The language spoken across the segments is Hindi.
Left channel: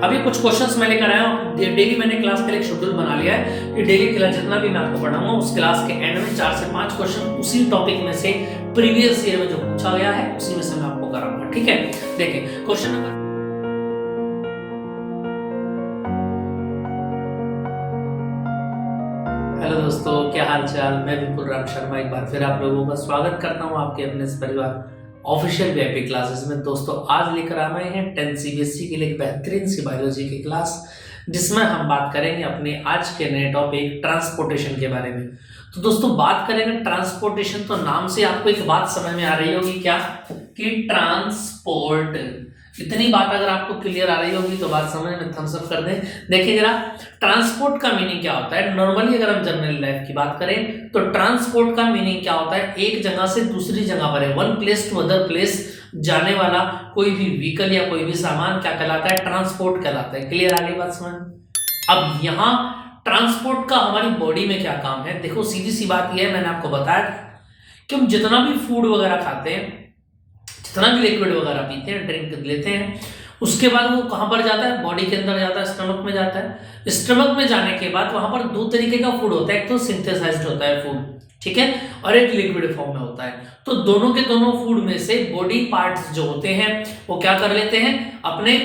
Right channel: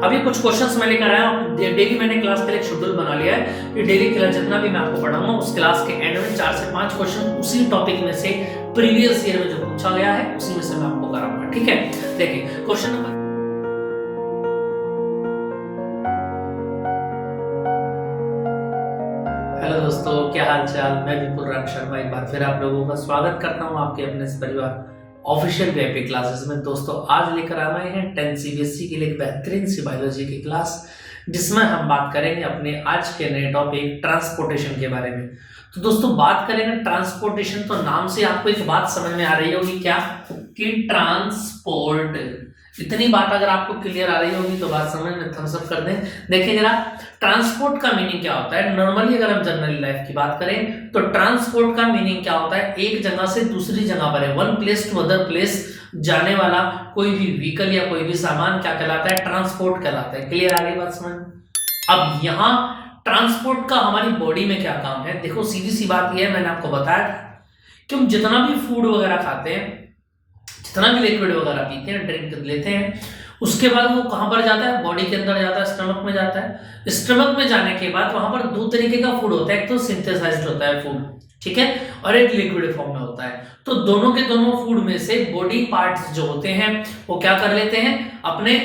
अभी कुछ क्वेश्चंस मैं लेकर आया हूँ। डेली मैंने क्लास का एक शेड्यूल बना लिया है कि डेली क्लास जितना भी मैं आपको पढ़ाऊंगा उस क्लास के एंड में 4 से 5 क्वेश्चन उसी टॉपिक में से प्रीवियस ईयर में जो पूछा गया है उसी में से मैं आपको कराऊंगा। ठीक है, देखिए क्वेश्चन नंबर। हेलो दोस्तों, क्या हाल चाल। मैं विपुल राम शर्मा एक बार फिर आप लोगों का स्वागत करता हूं आपके अपने इस परिवार ऑफिशियल वीआईपी क्लासेस में। दोस्तों आज लेकर आए हैं 10 सीबीएसई के लिए एक बेहतरीन सी बायोलॉजी की क्लास, जिसमें हम बात करेंगे अपने आज के नए टॉपिक ट्रांसपोर्टेशन के बारे में। तो दोस्तों बात करेंगे ट्रांसपोर्टेशन, तो नाम से आपको एक बात समझ में आ रही होगी क्या, कि ट्रांसपोर्ट। इतनी बात अगर आपको क्लियर आ रही होगी तो बात समझ में थम्स अप कर दें। देखिए जरा, ट्रांसपोर्ट का मीनिंग क्या होता है। नॉर्मली अगर हम जनरल लाइफ की बात करें तो ट्रांसपोर्ट का मीनिंग क्या होता है, एक जगह से दूसरी जगह पर है, one place to other place जाने वाला कोई भी व्हीकल या कोई भी सामान क्या कहलाता है, ट्रांसपोर्ट कहलाता है। क्लियर आ गई बात समझ। अब यहाँ ट्रांसपोर्ट का हमारी बॉडी में क्या काम है, देखो सीधी सी बात यह है, मैंने आपको बताया कि हम जितना भी फूड वगैरह खाते हैं, जितना भी लिक्विड वगैरह पीते हैं, ड्रिंक लेते हैं, उसके बाद वो कहां पर जाता है, बॉडी के अंदर जाता है, स्टमक में जाता है। स्टमक में जाने के बाद वहां पर दो तरीके का फूड होता है, एक तो सिंथेसाइज्ड होता है फूड, ठीक है, और एक लिक्विड फॉर्म में होता है। तो दोनों के दोनों फूड में से बॉडी पार्ट्स जो होते हैं वो क्या कर लेते हैं, अपने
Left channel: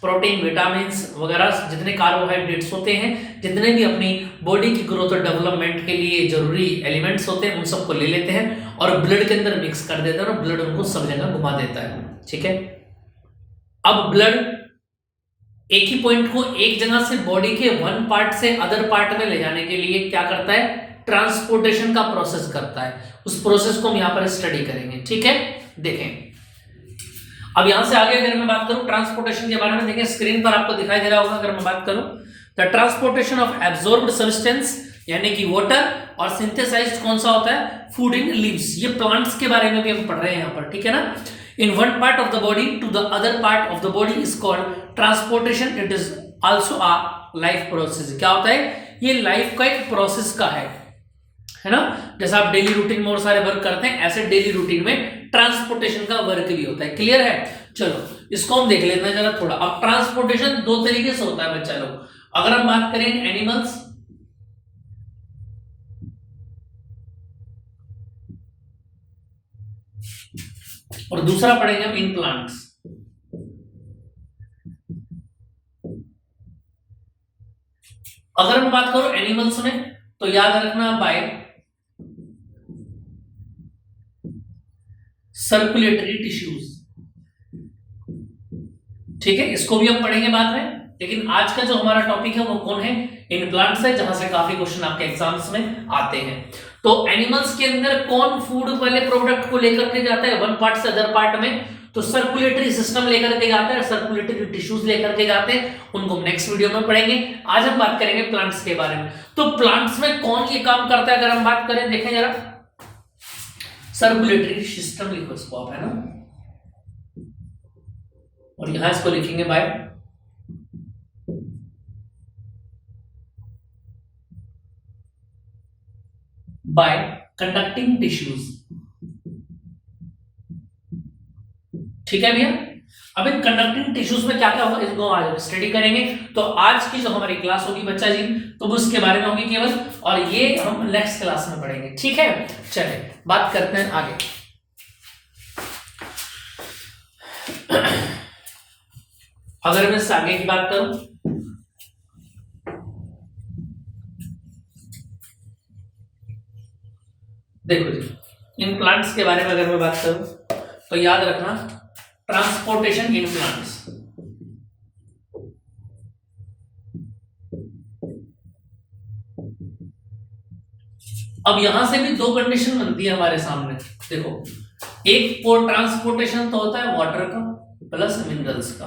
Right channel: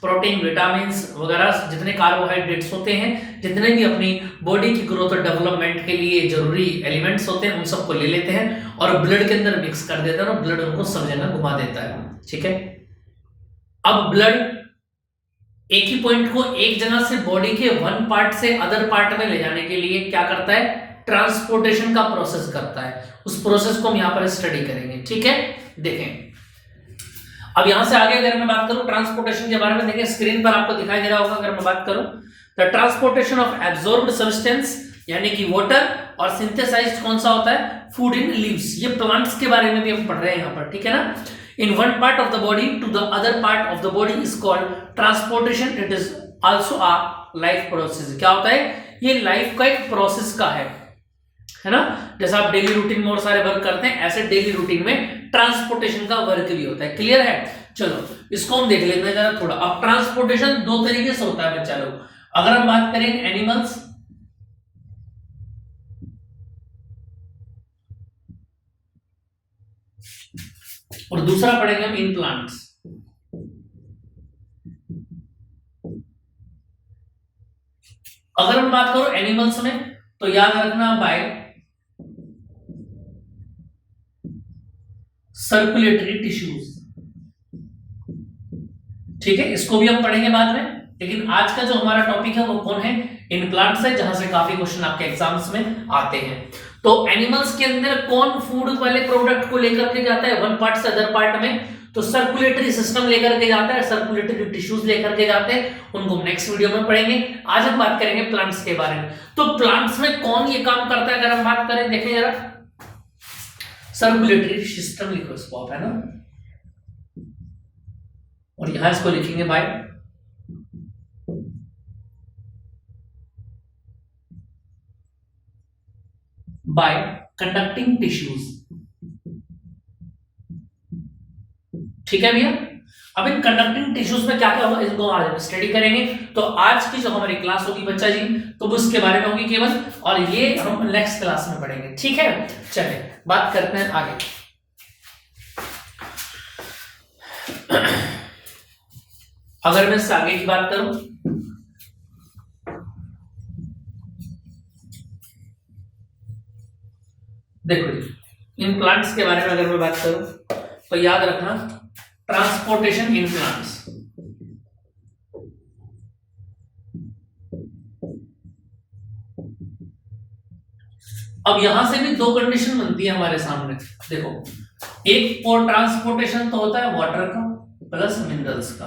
प्रोटीन, विटामिन वगैरह जितने कार्बोहाइड्रेट्स होते हैं, जितने भी अपनी बॉडी की ग्रोथ और डेवलपमेंट के लिए जरूरी एलिमेंट्स होते हैं, उन सबको ले लेते हैं और ब्लड के अंदर मिक्स कर देते हैं और ब्लड उनको सब जगह घुमा देता है। ठीक है, अब ब्लड एक ही पॉइंट को एक जगह से बॉडी के वन पार्ट से अदर पार्ट में ले जाने के लिए क्या करता है, ट्रांसपोर्टेशन का प्रोसेस करता है। उस प्रोसेस को हम यहां पर स्टडी करेंगे। ठीक है, देखें अब यहां से आगे अगर मैं बात करूं ट्रांसपोर्टेशन के बारे में, देखें स्क्रीन पर आपको दिखाई दे रहा होगा। अगर मैं बात करूं the transportation of absorbed substance यानी कि वाटर और सिंथेसाइज्ड कौन सा होता है, फूड इन लीव्स। ये प्लांट्स के बारे में भी हम पढ़ रहे हैं यहां पर, ठीक है ना। In one part of the body to the other part of the body is called transportation. It is also a life process. क्या होता है, ये लाइफ का एक प्रोसेस का है ना। जैसा आप डेली रूटीन में और सारे वर्क करते हैं, ऐसे डेली रूटीन में ट्रांसपोर्टेशन का वर्क भी होता है। क्लियर है, चलो इसको हम देख लेते हैं जरा थोड़ा। अब ट्रांसपोर्टेशन दो तरीके से होता है बच्चा लोग। अगर हम बात करें एनिमल्स, और दूसरा पढ़ेंगे हम इन प्लांट्स। अगर हम बात करो एनिमल्स में तो याद रखना बाय सर्कुलेटरी टिश्यूज। ठीक है, इसको भी हम पढ़ेंगे बाद में, लेकिन आज का जो हमारा टॉपिक है वो कौन है, इन प्लांट्स है, जहां से काफी क्वेश्चन आपके एग्जाम्स में आते हैं। तो एनिमल्स के अंदर कौन फूड वाले प्रोडक्ट को लेकर के जाता है वन पार्ट से अदर पार्ट में, तो सर्कुलेटरी सिस्टम लेकर के जाता है, सर्कुलेटरी टिश्यूज लेकर के जाते हैं। उनको हम नेक्स्ट वीडियो में पढ़ेंगे। आज हम बात करेंगे प्लांट्स के बारे में। तो प्लांट्स में कौन ये काम करता है, अगर हम बात करें, देखें जरा, सर्कुलेटरी सिस्टम लिखो इसको आप, है ना, और यहां इसको लिखेंगे बाय कंडक्टिंग टिश्यूज। ठीक है भैया। अब इन कंडक्टिंग टिश्यूज में क्या क्या होगा इसको आज स्टडी करेंगे। तो आज की जो हमारी क्लास होगी बच्चा जी, तो वो इसके बारे में होगी केवल, और ये हम नेक्स्ट क्लास में पढ़ेंगे। ठीक है, चलिए बात करते हैं आगे। अगर मैं इससे आगे की बात करूं, देखो जी, इन प्लांट्स के बारे में अगर मैं बात करूं तो याद रखना ट्रांसपोर्टेशन इन प्लांट्स। अब यहां से भी दो कंडीशन बनती है हमारे सामने। देखो, एक ट्रांसपोर्टेशन तो होता है वाटर का प्लस मिनरल्स का,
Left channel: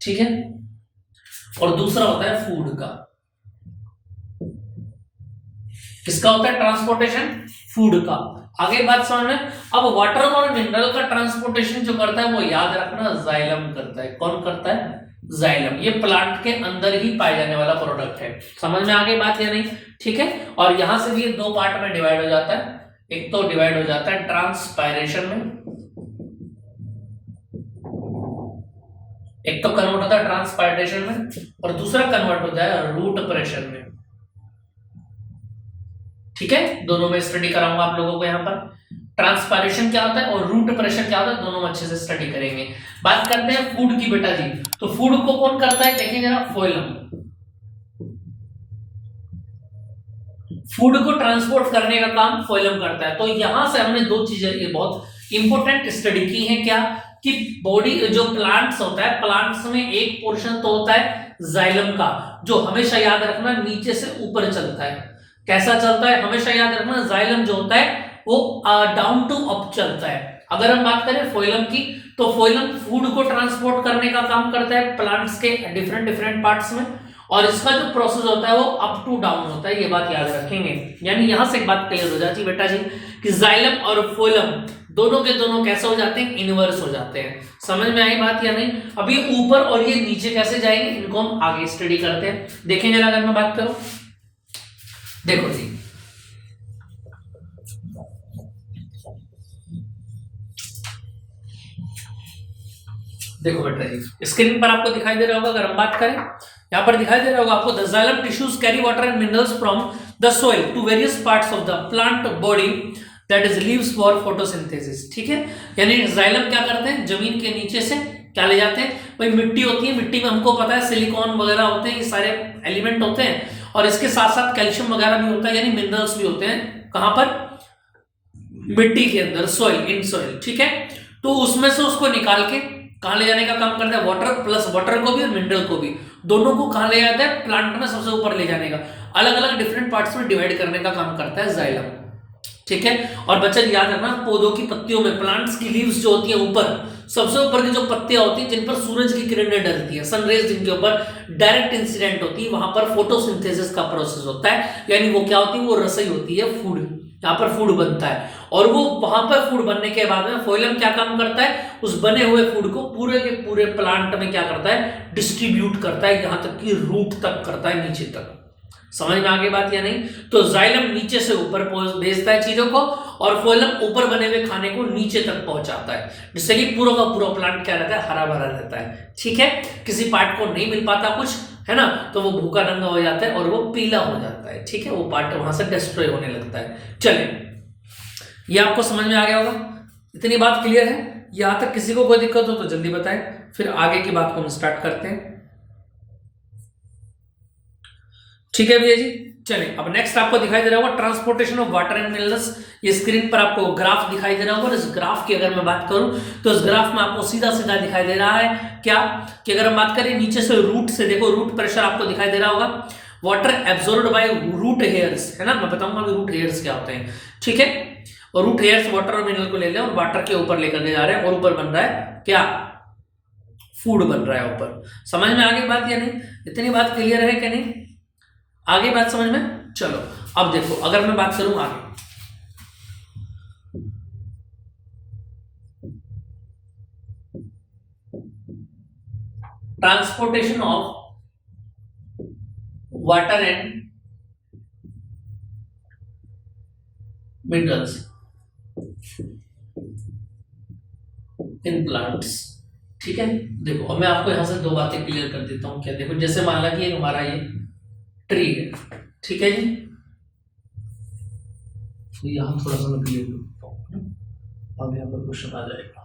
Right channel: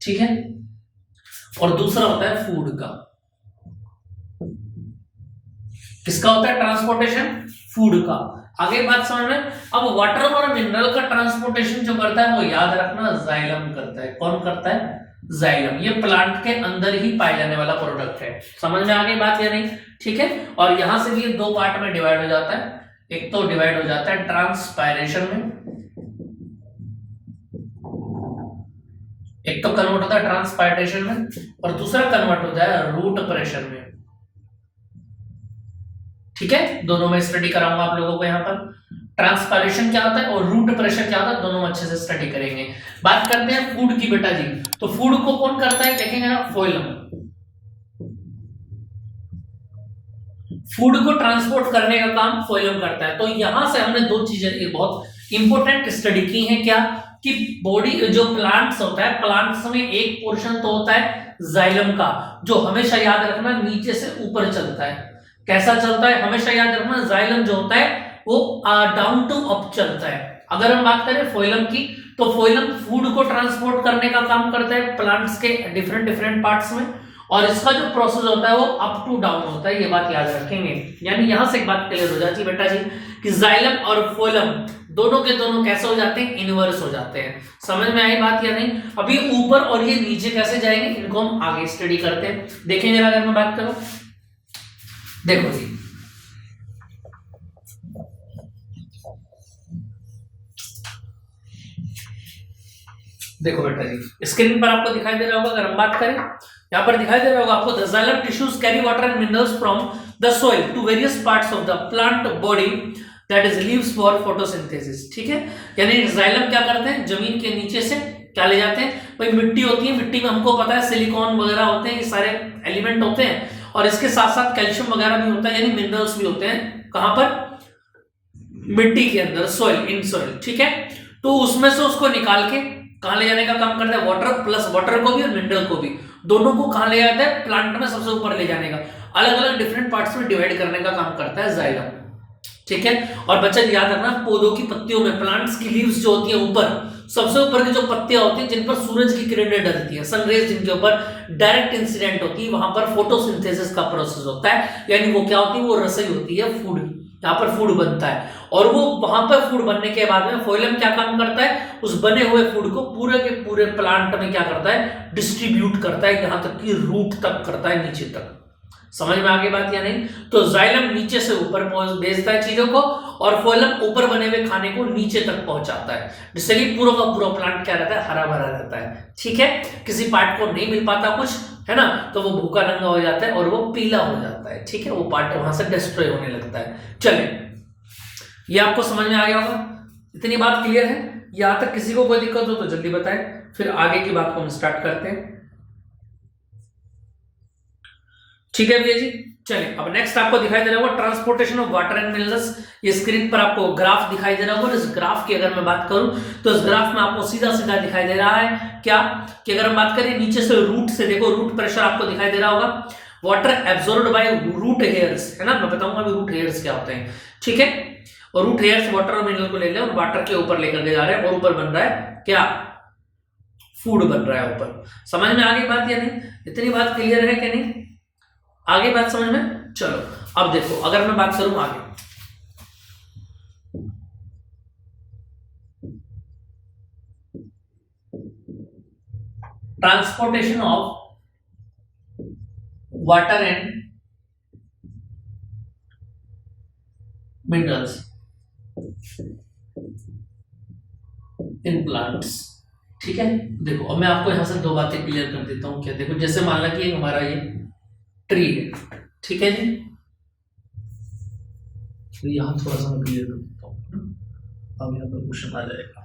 ठीक है, और दूसरा होता है फूड का। किसका होता है ट्रांसपोर्टेशन, फूड का। आगे बात समझ में। अब वाटर और मिनरल का ट्रांसपोर्टेशन जो करता है वो याद रखना जाइलम करता है। कौन करता है, जाइलम। ये प्लांट के अंदर ही पाए जाने वाला प्रोडक्ट है। समझ में आगे बात या नहीं, ठीक है। और यहां से भी ये दो पार्ट में डिवाइड हो जाता है। एक तो डिवाइड हो जाता है ट्रांसपायरेशन में, एक तो कन्वर्ट होता है ट्रांसपायरेशन में और दूसरा कन्वर्ट होता है रूट प्रेशर में। ठीक है, दोनों में स्टडी कराऊंगा आप लोगों को। यहाँ पर ट्रांसपायरेशन क्या होता है और रूट प्रेशर क्या होता है, दोनों में अच्छे से स्टडी करेंगे। बात करते हैं फूड की बेटा जी। तो फूड को कौन करता है, देखेंगे ना, फोइलम। फूड को ट्रांसपोर्ट करने का काम फोइलम करता है। तो यहां से हमने दो चीजें बहुत इंपॉर्टेंट स्टडी की हैं, क्या कि बॉडी जो प्लांट्स होता है, प्लांट्स में एक पोर्शन तो होता है जाइलम का, जो हमेशा याद रखना नीचे से ऊपर चलता है। कैसा चलता है, हमेशा याद रखना, जाइलम जो होता है वो डाउन टू अप चलता है। अगर हम बात करें फोइलम की, तो फोइलम फूड को ट्रांसपोर्ट करने का काम करता है प्लांट्स के डिफरेंट डिफरेंट पार्ट्स में, और इसका जो प्रोसेस होता है वो अप टू डाउन होता है। ये बात याद रखेंगे। यानी यहां से एक बात क्लियर हो जाती है बेटा जी कि जाइलम और फोइलम दोनों के दोनों कैसे हो जाते हैं, इनवर्स हो जाते हैं। समझ में आई बात या नहीं? अब ये ऊपर और ये नीचे कैसे जाएंगे, इनको हम आगे स्टडी करते हैं। देखें जरा, अगर मैं बात करूं, देखो जी, देखो बेटा जी, स्क्रीन पर आपको दिखाई दे रहा होगा। अगर हम बात करें, यहाँ पर दिखाई दे रहा होगा आपको, the xylem tissues carry water and minerals from the soil to various parts of the plant body that is leaves for photosynthesis. ठीक है, यानी जाइलम क्या करते हैं, जमीन के नीचे से क्या ले जाते हैं, भाई मिट्टी होती है, मिट्टी में हमको पता है सिलिकॉन वगैरह होते हैं, ये सारे एलिमेंट होते हैं, और इसके साथ साथ कैल्शियम वगैरह भी होता है, यानी मिनरल्स भी होते हैं। कहां पर, मिट्टी के अंदर, सोइल, इन सोइल। ठीक है, तो उसमें से उसको निकाल के कहां ले जाने का काम करता है, वाटर प्लस वाटर को भी और मिनरल को भी, दोनों को कहां ले जाता है, प्लांट में सबसे ऊपर ले जाने का, अलग अलग डिफरेंट पार्ट्स में डिवाइड करने का काम करता है जाइलम। ठीक है, और बच्चा याद रखना, पौधों की पत्तियों में, प्लांट्स की लीव्स जो होती है ऊपर, सबसे ऊपर की जो पत्तियां होती हैं जिन पर सूरज की किरणें डलती हैं, सनरेज जिनके ऊपर डायरेक्ट इंसिडेंट होती है, वहां पर फोटोसिंथेसिस का प्रोसेस होता है। यानी वो क्या होती है, वो रसोई होती है, फूड, यहाँ पर फूड बनता है। और वो वहां पर फूड बनने के बाद में फोइलम क्या काम करता है, उस बने हुए फूड को पूरे के पूरे प्लांट में क्या करता है, डिस्ट्रीब्यूट करता है, यहां तक कि रूट तक करता है, नीचे तक। समझ में आगे बात या नहीं? तो जाइलम नीचे से ऊपर भेजता है चीजों को, और फोइलम ऊपर बने हुए खाने को नीचे तक पहुंचाता है, जिससे कि पूरा का पूरा प्लांट क्या रहता है, हरा भरा रहता है। ठीक है, किसी पार्ट को नहीं मिल पाता कुछ, है ना, तो वो भूखा नंगा हो जाता है और वो पीला हो जाता है। ठीक है, वो पार्ट वहां से डिस्ट्रॉय होने लगता है। चलिए, ये आपको समझ में आ गया होगा, इतनी बात क्लियर है? यहां तक किसी को कोई दिक्कत हो तो जल्दी बताएं, फिर आगे की बात को हम स्टार्ट करते हैं। ठीक है भैया जी, चलिए अब नेक्स्ट आपको दिखाई दे रहा होगा transportation of water and minerals. ये स्क्रीन पर आपको ग्राफ दिखाई दे रहा होगा। इस ग्राफ की अगर मैं बात करूं तो इस ग्राफ में आपको सीधा सीधा दिखाई दे रहा है क्या, कि अगर हम बात करें नीचे से रूट से, देखो रूट प्रेशर आपको दिखाई दे रहा होगा, water absorbed by root hairs, है ना, मैं बताऊंगा अभी रूट हेयर्स क्या होते हैं। ठीक है, और रूट हेयर्स वाटर और मिनरल को ले ले और वाटर के ऊपर लेकर के जा रहे हैं, और ऊपर बन रहा है क्या, फूड बन रहा है ऊपर। समझ में आगे बात या नहीं? इतनी बात क्लियर है कि नहीं? आगे बात समझ में? चलो अब देखो, अगर मैं बात करूं आगे, transportation of water and minerals in plants. ठीक है, देखो अब मैं आपको यहां से दो बातें क्लियर कर देता हूं। क्या, देखो जैसे मान ला कि हमारा ये ट्री है, ठीक है जी, तो यहां थोड़ा सा मैं क्लियर कर देता हूं, अब यहां पर क्वेश्चन आ जाएगा।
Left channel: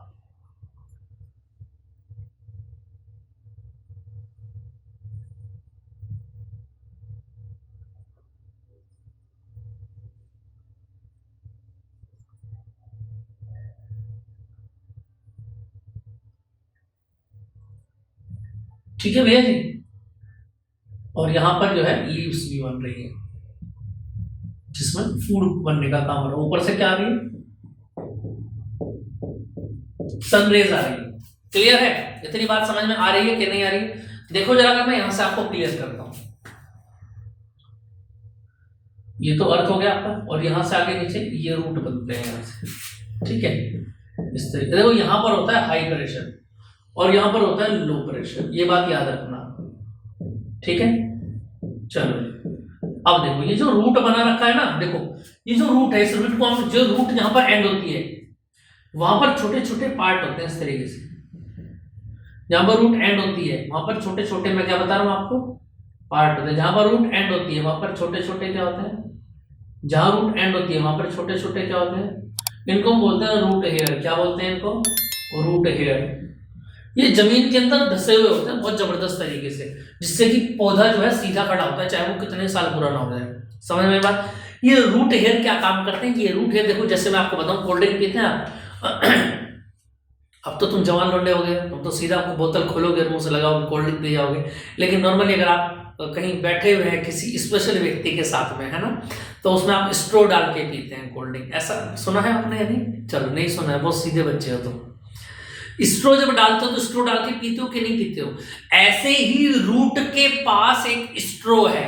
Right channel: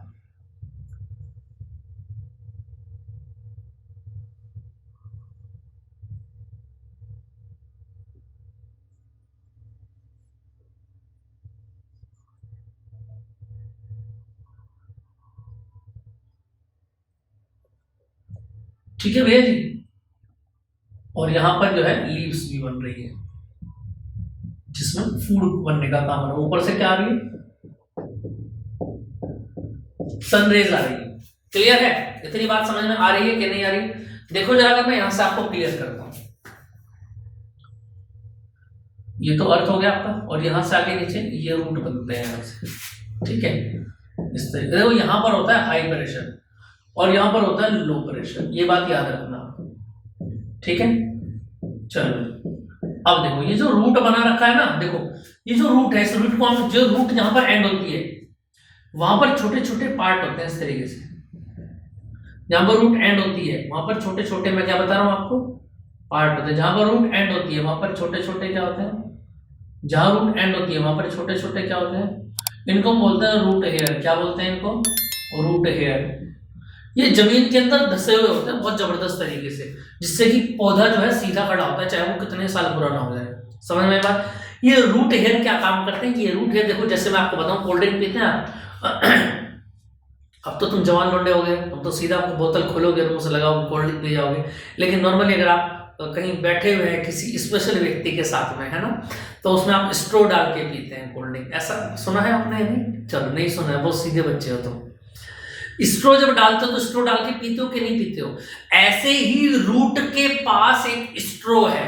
ठीक है भैया जी, और यहां पर जो है लीव्स भी बन रही है, जिसमें फूड बनने का काम हो रहा है। ऊपर से क्या आ रही है, सनरेज आ रही है। क्लियर है? इतनी बात समझ में आ रही है कि नहीं आ रही? देखो जरा, अगर मैं यहां से आपको क्लियर करता हूं, ये तो अर्थ हो गया आपका, और यहां से आगे नीचे ये रूट बनते हैं यहां से। ठीक है, इस तरीके, देखो यहां पर होता है हाई प्रेशर और यहां पर होता है लो प्रेशर, ये बात याद रखना। ठीक है, चलो अब देखो ये जो रूट बना रखा है ना, देखो ये जो रूट है, इस रूट को हम, जो रूट यहां पर एंड होती है, वहां पर छोटे छोटे पार्ट होते हैं इस तरीके से, जहां पर रूट एंड होती है वहां पर छोटे छोटे, मैं क्या बता रहा हूँ आपको, पार्ट होते हैं। जहां पर रूट एंड होती है वहां पर छोटे छोटे क्या होते हैं, जहां रूट एंड होती है वहां पर छोटे छोटे क्या होते हैं, इनको हम बोलते हैं रूट हेयर। क्या बोलते हैं इनको, रूट हेयर। ये जमीन के अंदर धसे हुए होते हैं बहुत जबरदस्त तरीके से, जिससे कि पौधा जो है सीधा खड़ा होता है, चाहे वो कितने साल पुराना हो जाए। समझ में बात। ये रूट हेयर क्या काम करते हैं, ये रूट हेयर देखो, जैसे मैं आपको बताऊं, कोल्ड ड्रिंक पीते हैं आप अब तो तुम जवान लौंडे हो गए, तुम तो सीधा आपको बोतल खोलोगे और मुंह से लगाओगे, कोल्ड ड्रिंक पी जाओगे। लेकिन नॉर्मली अगर आप कहीं बैठे हुए हैं किसी स्पेशल व्यक्ति के साथ में, है ना, तो उसमें आप स्ट्रो डाल के पीते हैं कोल्ड ड्रिंक। ऐसा सुना है आपने? नहीं, चलो नहीं सुना है, बहुत सीधे बच्चे हो तुम। स्ट्रो जब डालते हो तो स्ट्रो डाल के पीते हो कि नहीं पीते हो? ऐसे ही रूट के पास एक स्ट्रो है,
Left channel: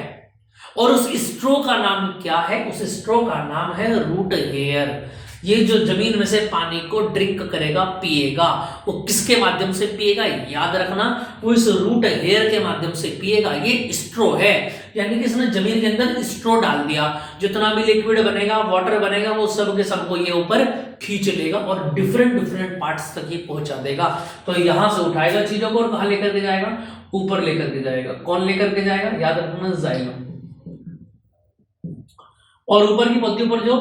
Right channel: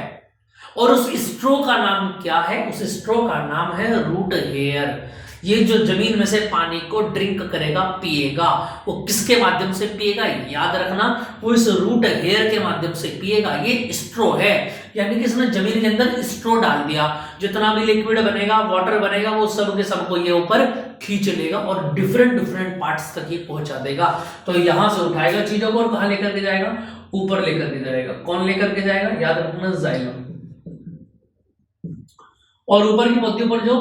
और उस स्ट्रो का नाम क्या है? उस स्ट्रो का नाम है रूट हेयर। ये जो जमीन में से पानी को ड्रिंक करेगा, पिएगा, वो किसके माध्यम से पिएगा? याद रखना, वो इस रूट हेयर के माध्यम से पिएगा। ये स्ट्रो है, यानी कि इसने जमीन के अंदर स्ट्रो डाल दिया। जितना भी लिक्विड बनेगा, वाटर बनेगा, वो सब के सबको ये ऊपर खींच लेगा और डिफरेंट डिफरेंट पार्ट्स तक ये पहुंचा देगा। तो यहां से उठाएगा चीजों को और कहां लेकर के जाएगा? ऊपर लेकर के जाएगा। कौन लेकर के जाएगा? याद रखना, जाइलम। और ऊपर की पत्तियों पर जो,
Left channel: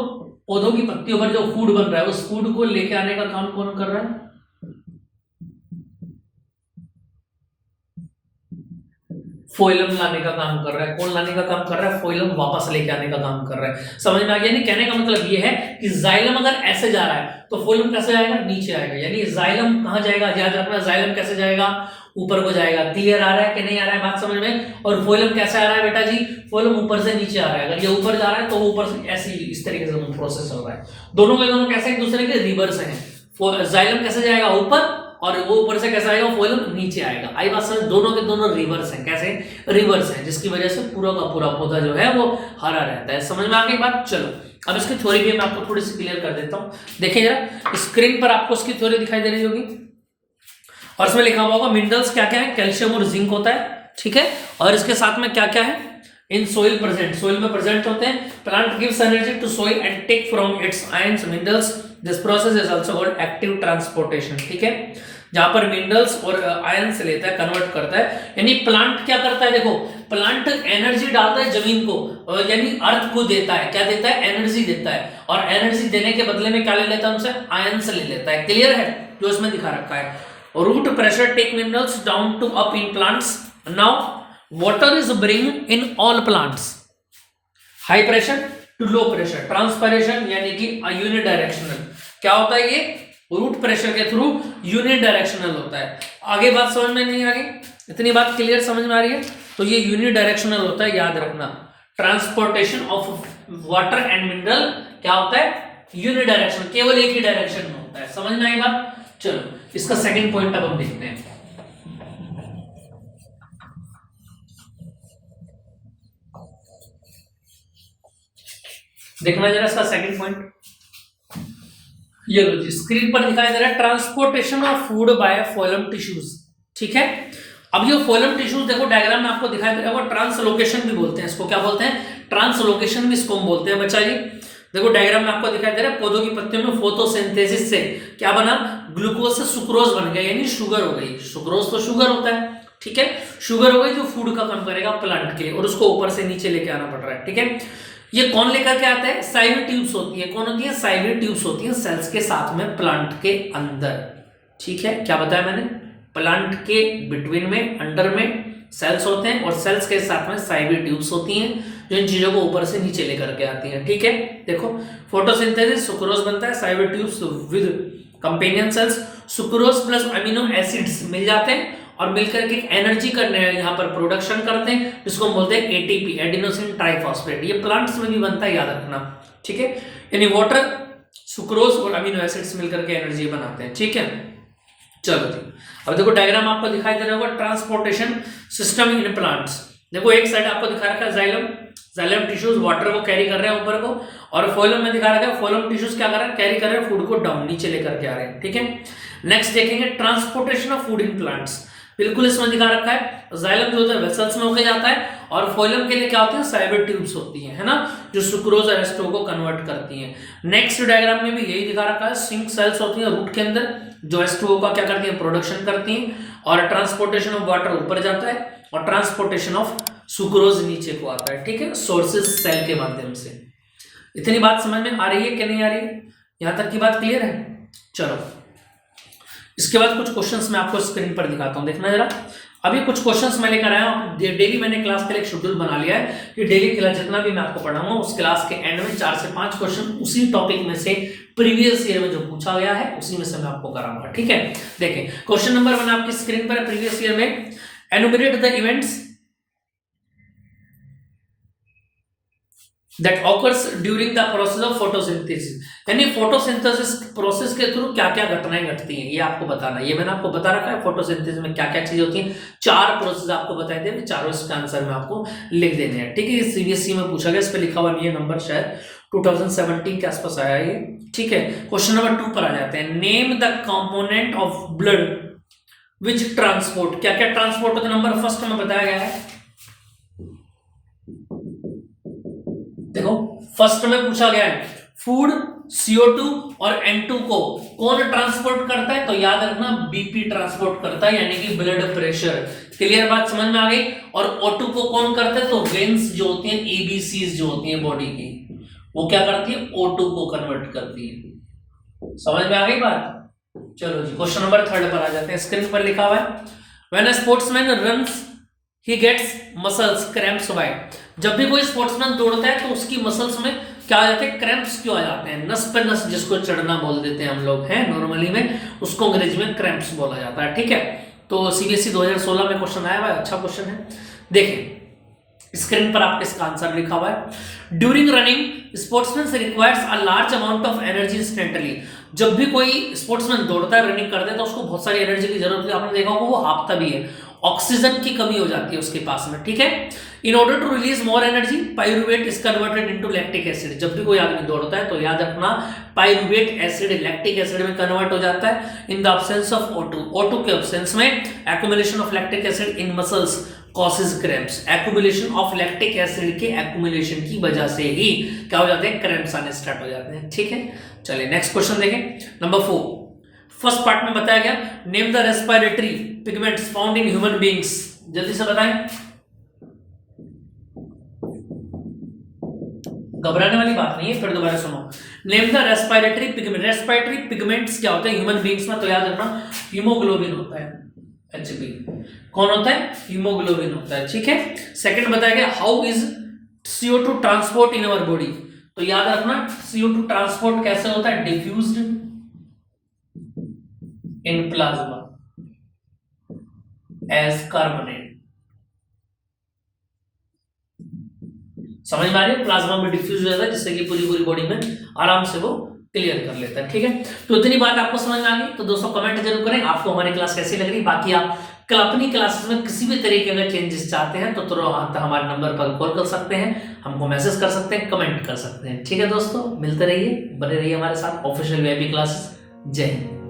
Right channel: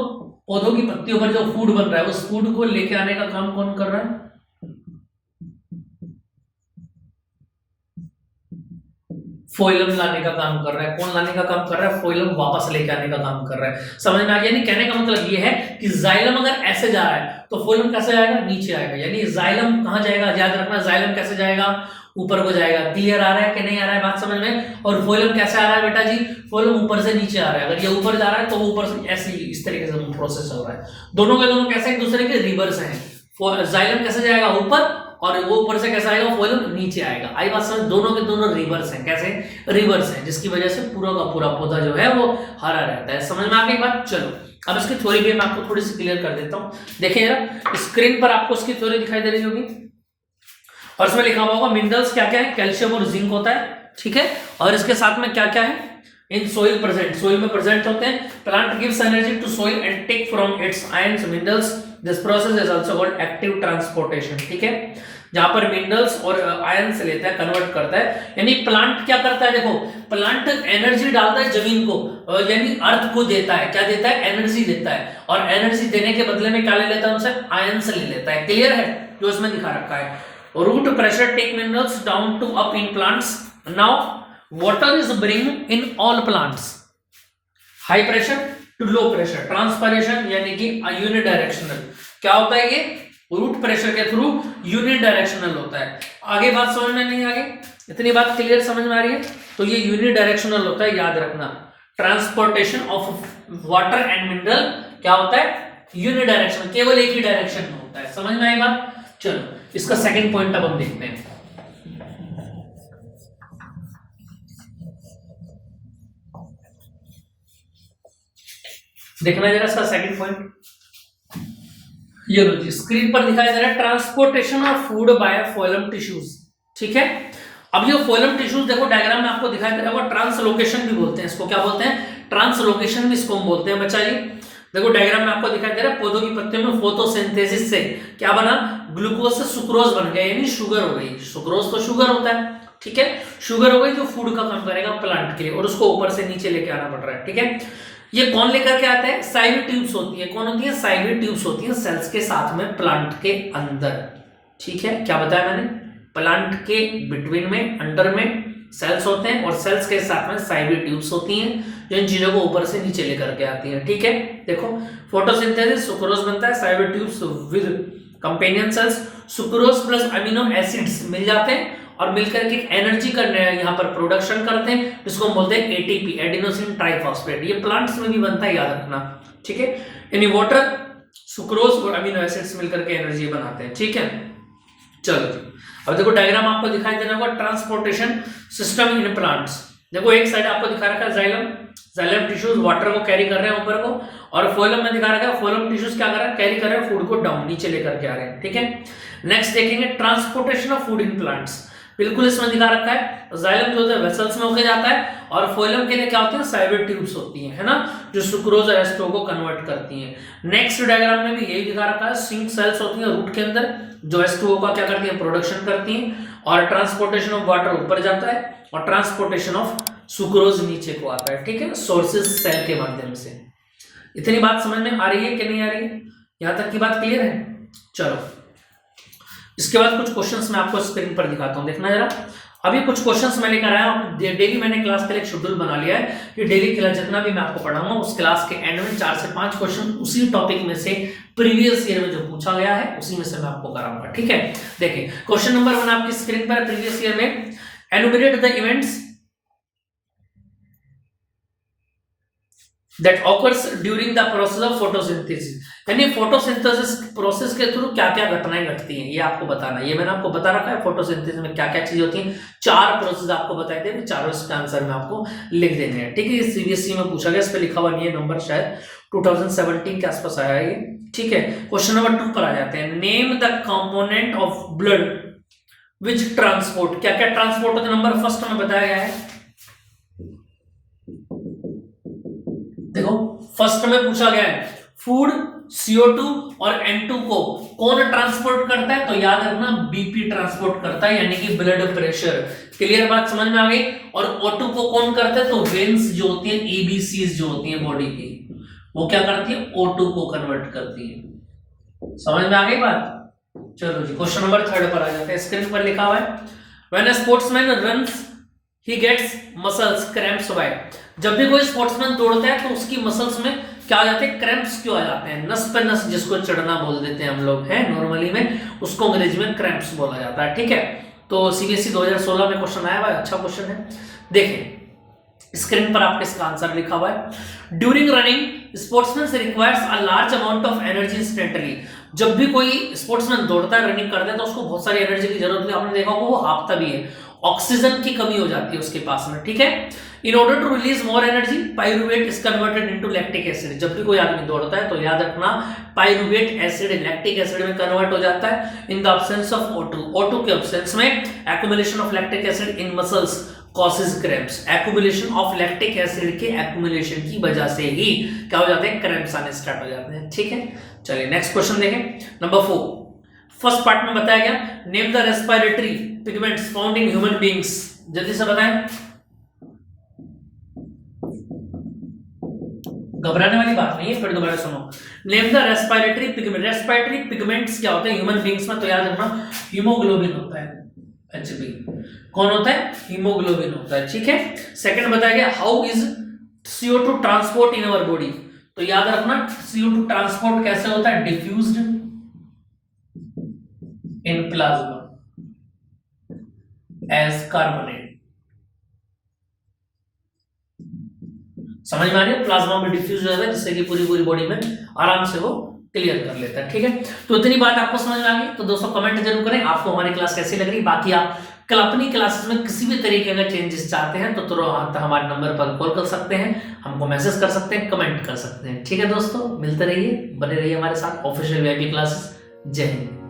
पौधों की पत्तियों पर जो फूड बन रहा है, उस फूड को लेके आने का काम कौन कर रहा है? फोइलम लाने का काम कर रहा है। कौन लाने का काम कर रहा है? फोइलम वापस लेके आने का काम कर रहा है। समझ में आ गया? नहीं, कहने का मतलब ये है कि जाइलम अगर ऐसे जा रहा है तो फोइलम कैसे आएगा? नीचे आएगा। यानी जाइलम कहां जाएगा? याद रखना, जाइलम कैसे जाएगा? ऊपर को जाएगा। क्लियर आ रहा है कि नहीं आ रहा है बात समझ में? और फोइलम कैसे आ रहा है बेटा जी? फोइलम ऊपर से नीचे आ रहा है। अगर ये ऊपर जा रहा है तो ऊपर से ऐसे ही इस तरीके से प्रोसेस चल रहा है। दोनों के दोनों कैसे एक दूसरे के रिवर्स हैं। जाइलम कैसे जाएगा? ऊपर, और वो ऊपर से कैसे आएगा? फोइलम नीचे आएगा। आई बात समझ? दोनों के दोनों रिवर्स हैं। कैसे रिवर्स हैं? जिसकी वजह से पूरा का पूरा पौधा जो है वो हरा रहता है। समझ में आ गई बात? चलो अब इसकी थ्योरी भी मैं आपको थोड़ी सी क्लियर कर देता हूं। देखिए जरा, स्क्रीन पर आपको इसकी थ्योरी दिखाई दे रही होगी, और इसमें लिखा हुआ होगा मिनरल्स क्या क्या है, कैल्शियम और जिंक होता है, ठीक है। और इसके साथ में क्या क्या है? इन सोइल प्रेजेंट, सोइल में प्रेजेंट होते हैं। Plant gives energy to soil and take from its ions minerals. This process is also called active transportation, ठीक है। जहां पर मिनरल्स और आयन से लेता है, कन्वर्ट करता है। यानी प्लांट क्या करता है? देखो, प्लांट एनर्जी डालता है जमीन को, यानी अर्थ को देता है। क्या देता है? एनर्जी देता है। और एनर्जी देने के बदले में क्या ले लेता है? उनसे आयन से ले लेता है। क्लियर है? जो इसमें दिखा रखा है, root pressure take minerals down to up in plants. Now water is bring in all plants. High pressure to low pressure, transpiration यानी कि यूनिडायरेक्शनल। क्या होता है ये? रूट प्रेशर के थ्रू यूनिडायरेक्शनल होता है। आगे बात समझ में नहीं आ रही? इतनी बात क्लियर समझ में आ रही है? तो ये यूनिडायरेक्शनल होता है, याद रखना। Transportation of water and mineral क्या होता है? यूनिडायरेक्शनल, केवल एक ही डायरेक्शन में होता है। समझ में आई बात? चलो इसका सेकंड पॉइंट अब हम देखते हैं। देखना जरा इसका सेकंड पॉइंट, ये लो जी, स्क्रीन पर दिखाई दे रहा है transportation of food by phloem tissues, ठीक है। अब ये फोइलम टिश्यूज देखो डायग्राम में आपको दिखाई दे रहा है, ट्रांसलोकेशन भी बोलते हैं इसको। क्या बोलते हैं? ट्रांसलोकेशन भी इसको हम बोलते हैं बच्चा जी। देखो डायग्राम में आपको दिखाई दे रहा है, पौधों की पत्तियों में फोटोसिंथेसिस से क्या बना? ग्लूकोज से सुक्रोज बन गया, यानी शुगर हो गई। सुक्रोज तो शुगर होता है, ठीक है। शुगर हो गई जो फूड का काम करेगा प्लांट के, और उसको ऊपर से नीचे लेके आना पड़ रहा है, ठीक है। ये कौन लेकर के आता है? साइवी ट्यूब्स होती है। कौन होती है? साइवी ट्यूब्स होती है सेल्स के साथ में, प्लांट के अंदर, ठीक है। क्या बताया मैंने? प्लांट के बिटवीन में, अंडर में सेल्स होते हैं, और सेल्स के साथ में साइवी ट्यूब्स होती हैं जो इन चीजों को ऊपर से नीचे लेकर के आती हैं, ठीक है। देखो फोटोसिंथेसिस, सुक्रोज बनता है, sieve tubes with companion cells, sucrose plus amino acids मिल जाते हैं और मिलकर के एनर्जी का यहाँ पर प्रोडक्शन करते हैं, जिसको हम बोलते हैं एटीपी, एडिनोसिन ट्राइफॉस्फेट। ये प्लांट्स में भी बनता है, याद रखना, ठीक है। यानी वाटर, सुक्रोज और अमीनो एसिड्स मिलकर के एनर्जी बनाते हैं, ठीक है। चलो जी, अब देखो डायग्राम आपको दिखाई दे रहा होगा, ट्रांसपोर्टेशन सिस्टम इन प्लांट्स। देखो एक साइड आपको दिखा रखा है जाइलम, जाइलम टिश्यूज वाटर को कैरी कर रहे हैं ऊपर को, और फोइलम में दिखा रखा है, फोइलम टिश्यूज क्या कर रहे हैं? कैरी कर रहे हैं फूड को डाउन, नीचे लेकर के आ रहे हैं, ठीक है। नेक्स्ट देखेंगे transportation of food in plants. बिल्कुल इसमें दिखा रखा है, जाइलम जो होता है वेसल्स में होकर जाता है, और फोइलम के लिए क्या होते हैं? साइबर ट्यूब्स होती हैं, है ना, जो सुक्रोज और एस्टो को कन्वर्ट करती हैं। नेक्स्ट डायग्राम में भी यही दिखा रखा है, सिंक सेल्स होती हैं रूट के अंदर, जो H2O का क्या करती है, प्रोडक्शन करती हैं, और ट्रांसपोर्टेशन ऑफ वाटर ऊपर जाता है और ट्रांसपोर्टेशन ऑफ सुक्रोज नीचे को आता है, ठीक है, सोर्सेज सेल के माध्यम से। इतनी बात समझ में आ रही है कि नहीं आ रही है? यहां तक की बात क्लियर है? चलो इसके बाद कुछ क्वेश्चंस मैं आपको स्क्रीन पर दिखाता हूं, देखना जरा। अभी कुछ क्वेश्चंस मैं लेकर आया हूं, डेली मैंने क्लास का एक शेड्यूल बना लिया है कि डेली क्लास जितना भी मैं आपको पढ़ाऊंगा उस क्लास के एंड में 4 से 5 क्वेश्चन उसी टॉपिक में से प्रीवियस ईयर में जो पूछा गया है उसी में से मैं आपको कराऊंगा, ठीक है। देखिए क्वेश्चन नंबर 1 आपकी स्क्रीन पर है, प्रीवियस ईयर में enumerate the events that occurs during the process of photosynthesis, यानी फोटोसिंथेसिस प्रोसेस के थ्रू क्या क्या घटनाएं घटती हैं ये आपको बताना है। ये मैंने आपको बता रखा है फोटोसिंथेसिस में क्या क्या चीजें होती हैं, 4 प्रोसेस आपको बताए थे, चारों इसका आंसर में आपको लिख देने हैं, ठीक है। ये सीबीएसई में पूछा गया, इस पे लिखा हुआ नहीं है नंबर, शायद 2017 के आसपास आया है, ठीक है। क्वेश्चन नंबर 2 पर आ जाते हैं, name the component of blood which transport, क्या क्या ट्रांसपोर्ट होता है, नंबर फर्स्ट में बताया गया है। देखो फर्स्ट में पूछा गया है फूड, CO2 और N2 को कौन ट्रांसपोर्ट करता है, तो याद रखना BP ट्रांसपोर्ट करता है, यानी कि ब्लड प्रेशर। क्लियर बात समझ में आ गई। और O2 को कौन करता है, तो वेन्स जो होती है, EBCs जो होती है बॉडी की, वो क्या करती है, O2 को कन्वर्ट करती है। समझ में आ गई बात। चलो जी क्वेश्चन नंबर 3 पर आ जाते हैं, स्क्रीन पर लिखा हुआ है when a sportsman runs he gets muscles cramps why, जब भी कोई स्पोर्ट्समैन दौड़ता है तो उसकी मसल्स में क्या आ जाते हैं, क्रैम्प्स क्यों आ जाते हैं, नस पे नस जिसको चढ़ना बोल देते हैं हम लोग, हैं नॉर्मली में, उसको अंग्रेजी में क्रैम्प्स बोला जाता है, ठीक है। तो सीबीएसई 2016 में क्वेश्चन आया हुआ है, अच्छा क्वेश्चन है। देखिए स्क्रीन पर आपके इसका आंसर लिखा हुआ है, during running sportsman requires a large amount of energy instantly, जब भी कोई स्पोर्ट्समैन दौड़ता है, रनिंग करता है, तो उसको बहुत सारी एनर्जी की जरूरत है, आपने देखा होगा वो हाफता भी है, ऑक्सीजन की कमी हो जाती है उसके पास में, ठीक है। In order to release more energy pyruvate is converted into lactic acid, जब भी कोई आदमी दौड़ता है तो याद रखना पाइरुवेट एसिड लैक्टिक एसिड में कन्वर्ट हो जाता है in the absence of O2, O2 के एब्सेंस में accumulation of lactic acid in muscles causes cramps, accumulation of lactic acid के एक्युमुलेशन की वजह से ही क्या हो जाते हैं, क्रैम्प्स आने स्टार्ट हो जाते हैं, ठीक है। चलिए नेक्स्ट क्वेश्चन देखें, नंबर 4 फर्स्ट पार्ट में बताया गया name the respiratory pigments found in human beings, जल्दी से बताएं, घबराने वाली बात नहीं है, फिर दोबारा सुनो। Name the respiratory pigment, respiratory pigments क्या होते हैं ह्यूमन बीइंग्स में, तो याद रखना हीमोग्लोबिन होता है, Hb कौन होता है, हीमोग्लोबिन होता है, ठीक है। सेकंड बताया गया how is CO2 transport in our body, तो याद रखना CO2 ट्रांसपोर्ट कैसे होता है, diffused in plasma as carbonate, समझ में आ रही है, प्लाज्मा में डिफ्यूज हो जाता है जिससे कि पूरी बॉडी में आराम से वो क्लियर कर लेता है, ठीक है। तो इतनी बात आपको समझ में आ गई, तो दोस्तों कमेंट जरूर करें आपको हमारी क्लास कैसी लग रही। बाकी आप कल अपनी क्लासेस में किसी भी तरीके का चेंजेस चाहते हैं तो तुरंत हमारे नंबर पर कॉल कर सकते हैं, हमको मैसेज कर सकते हैं, कमेंट कर सकते हैं, ठीक है दोस्तों। मिलते रहिए, बने रहिए हमारे साथ ऑफिशियल वीआईपी क्लासेस। जय हिंद।